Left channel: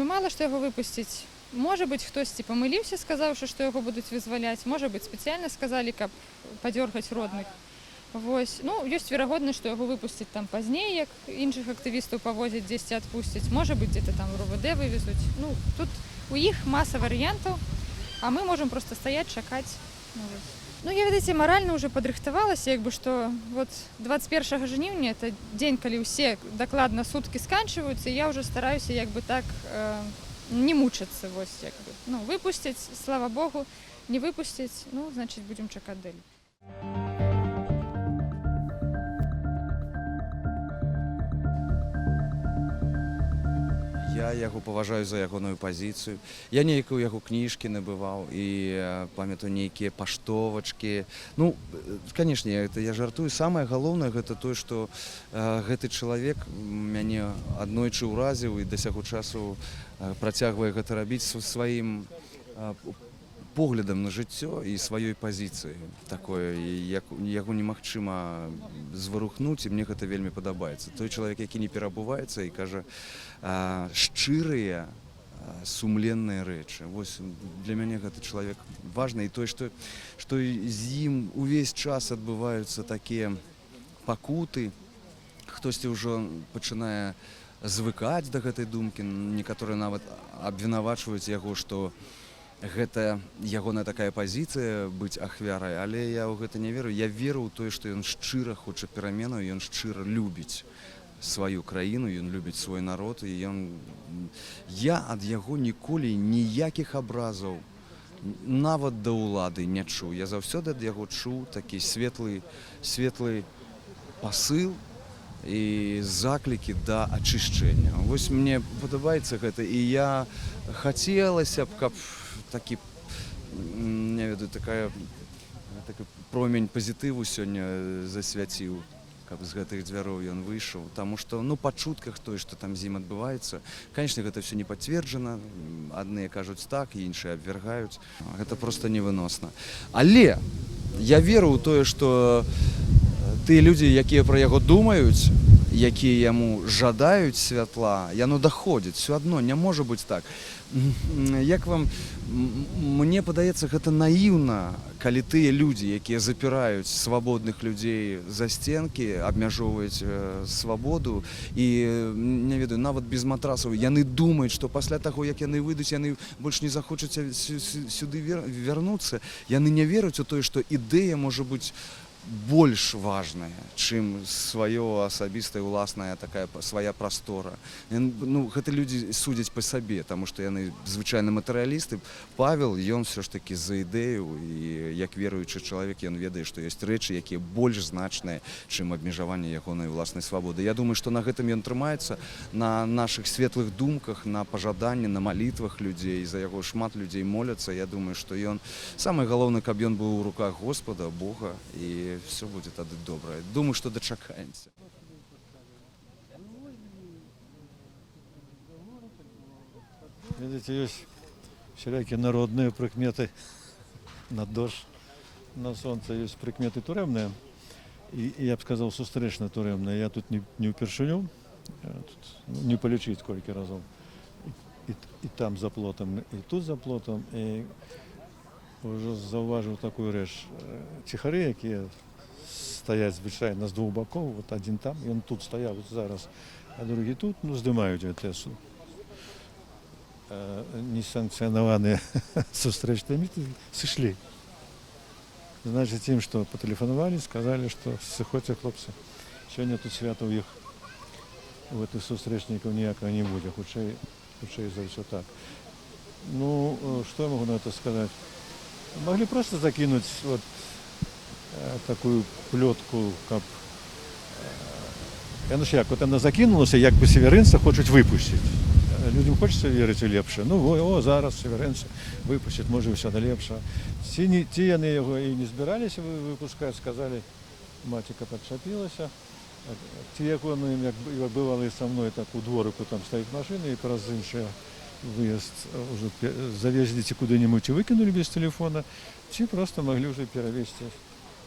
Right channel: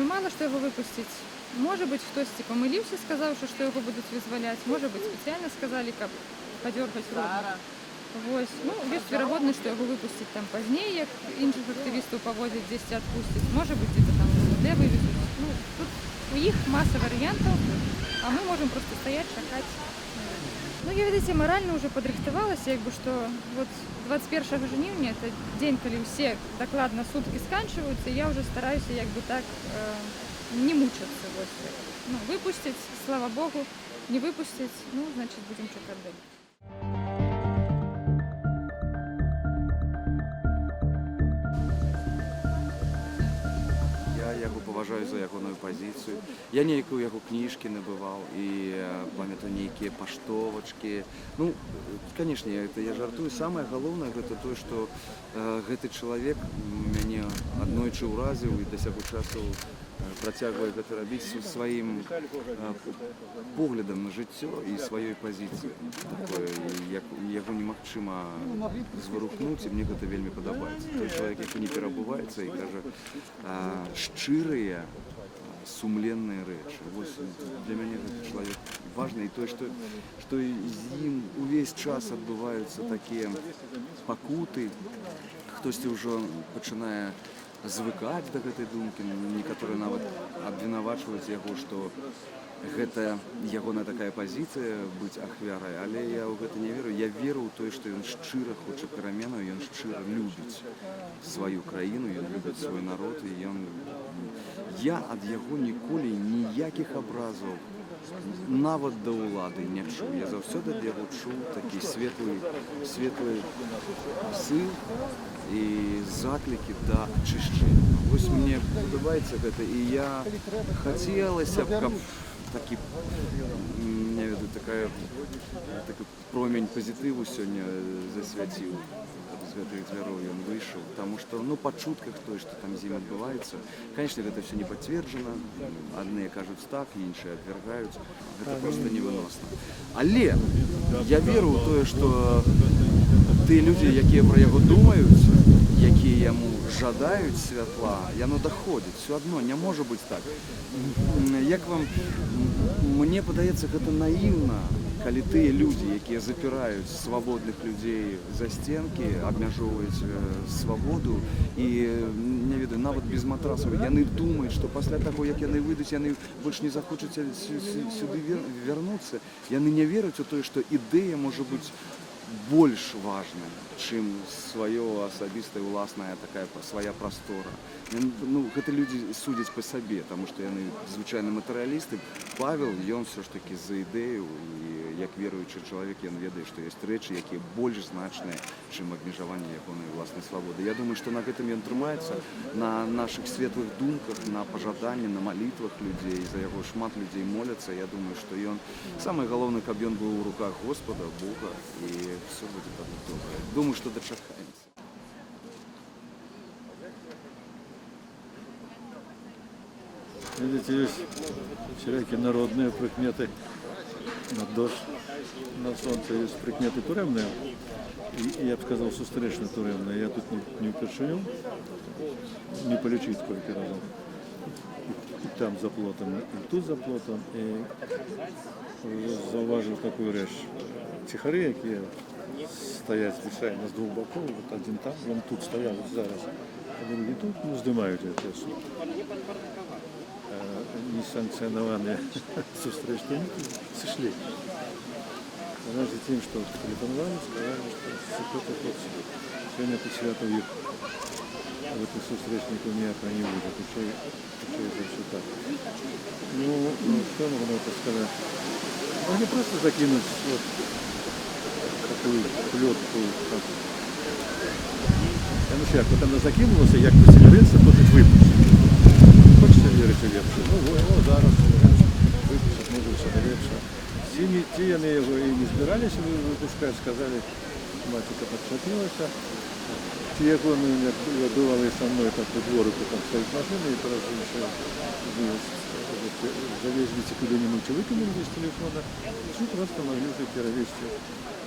вельмі мала, што яго выпусціць. Можа быць, хтосьці памыліўся, сказаўшы, што яго будуць вызваляць. Можа быць, спецыяльна сказалі, каб падзёргаць родных. Вось. Ну, ёсць верагоднасць, што яго выпусціць там пазней, як іншых актывістаў павозяць, дзесьці адпусцяць. Можа быць, где-то там РУВД вывезуць. Ну, тут у іх маса варыянтаў, а мы можам проста стаяць, чакаць. Ну, я, ведаеце, маральна ўжо падрыхтавалася, як бы, што вот 21 жніўня, это дзень, калі ўсе дакладна суткі сканчваюцца, і я ўжо стараюся як бы так не мучацца. Вось, як бы. Ну, выпусціць, слава Богу, не выпусціць, ну, значыць, будзем чакаць далей. Я яго паважаю за ягоную пазіцыю. Я нейкую яго кніжкі набываў і памятаю нейкія паштовачкі. Ну, канешне, я жартую. Самае галоўнае гэта тое, што гэты чалавек мяне аднойчы ўразіў і да сяго часу працягвае гэта рабіць сваім поглядам на жыццё і сваёй пазіцыі. Такое, яго немагчыма зварухнуць, і мне гэта вельмі падабаецца. Той чалавек, які не перабуваецца і кажа шчырыя, сумленныя рэчы. Вось для мяне гэты чалавек важны, і тое, што з ім увесь час адбываюцца такія пакуты. Хтосьці ўжо пачынае звыкаць да гэтай думкі, некаторыя нават абвінавачваюць яго, што гэта ягоная такая пазіцыя быць ахвярай, але я ў гэта не веру. Я веру ў тое, што ён шчыра хоча пераменаў, ён шчыра любіць сваю краіну, ён любіць свой народ, і я ад яго ніколі ніякіх абразаў нават да ўлады не чуў. Я заўсёды ад яго чуў такі светлы пасыл і заклікі да ачышчэння. Вось мне падабаецца гэта, і я хацелася б, каб такі, не ведаю, такая промень пазітыву сёння засвяціў, каб з гэтых дзвяроў ён выйшаў. Таму што, ну, па чутках тое, што там з ім адбываецца, канешне, гэта ўсё не пацверджана. Адныя кажуць так, іншыя абвяргаюць. Гэта проста невыносна. Але я веру ў тое, што тыя людзі, якія пра яго думаюць, якія яму жадаюць святла, яно даходзіць. Всё адно не можа быць так. Як вам, мне падаецца, гэта наіўна, калі тыя людзі, якія запіраюць свабодных людзей за сценкі, абмяжоўваюць свабоду і, не ведаю, нават без матрасаў, яны думаюць, што пасля таго, як яны выйдуць, яны больш не захочуць сюды вярнуцца. Яны не веруць у тое, што ідэя можа быць больш важная, чым сваё асабістая ўласная такая свая прастора. Ну, гэта людзі судзяць па сабе, таму што яны звычайна матэрыялісты. Павел, ён ўсё ж такі за ідэю, і як веруючы чалавек, ён ведае, што ёсць рэчы, якія больш значныя, чым абмежаванне ягонай уласнай свабоды. Я думаю, што на гэтым ён трымаецца, на нашых светлых думках, на пажаданні, на малітвах людзей. За яго шмат людзей моляцца. Я думаю, што ён, самае галоўнае, каб ён быў у руках Господа, Бога, і все будет тогда добро. Думаю, что дочакаемся. Видите, есть всякие народные прикметы на дождь, на солнце, есть прикметы туремные. И я бы сказал, сустречно туремные. Я тут не упершиню, не полечить сколько раз. И там за плотом, и тут за плотом. И зауважив такую речь. Тихари, які стоять звичайно з двох боків, от один там, він тут стояв от зараз, а другий тут, ну, здимають АТС. Несанкціоновані зустрічні сошли. Значить, тим, що потелефонували, сказали, що хлопці, сьогодні тут свято їх в эту зустрічнику ніякого не буде, хоча за все так. Ну, что я могу на это сказать? Могли просто закинуть вот такую плетку, как... Я ну як, от вона закинулася, якби северинця хочуть випустити. Хочеться вірити ліпше. Ну, о, зараз северинця випустять, може все найліпше. Ті вони його і не збиралися випускати, сказали, матіка підхватилася. Ті, як вони бували со мною, так по дворику там стоять машини, і раз інші завезли куди-нибудь і викинули без телефона, чи просто могли вже перевезти,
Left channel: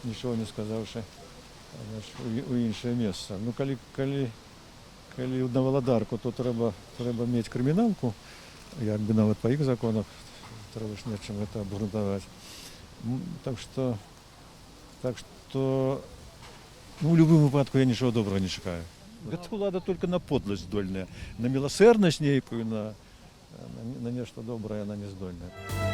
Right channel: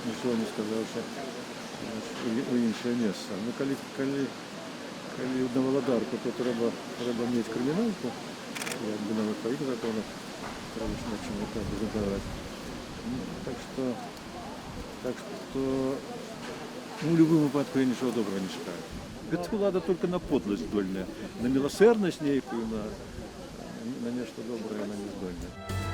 нічого не сказавши, у інше місце. Ну, коли на Володарку, то треба мати криміналку, якби навіть по їх законах треба ж над чим так задавати. Ну, так що, ну, в будь-якому випадку я нічого доброго не чекаю. Эта влада только на подлость здольная, на милосердность некую, на нечто доброе она не здольна.